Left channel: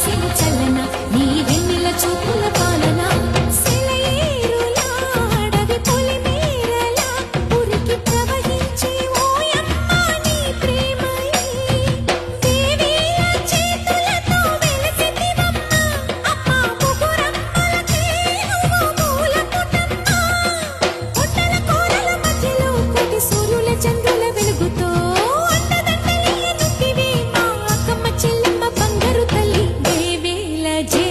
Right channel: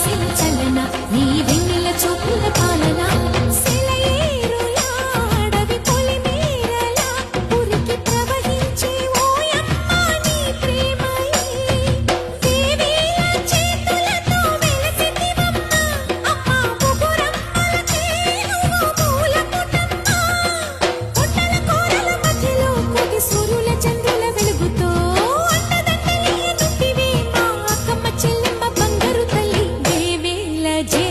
కురిసెను చల్లన నీ వెన్నెల చూపుల పాలన సెలయేరులా అడవి పొలిమేరలా ఉరికి ప్రవహించే ఓయమ్మ నీ ప్రేమయే దేవేల చేతులతో వెలసితివమ్మ అమ్మ ముగురమ్మలకే నువ్వు మూల పుటమ్మ కొండల కోరల మధ్యలో కోటి సూర్యుల చంద్రుల వెలుగుతో చెల్లెమ్మ బంగారు తల్లి దేవేల జే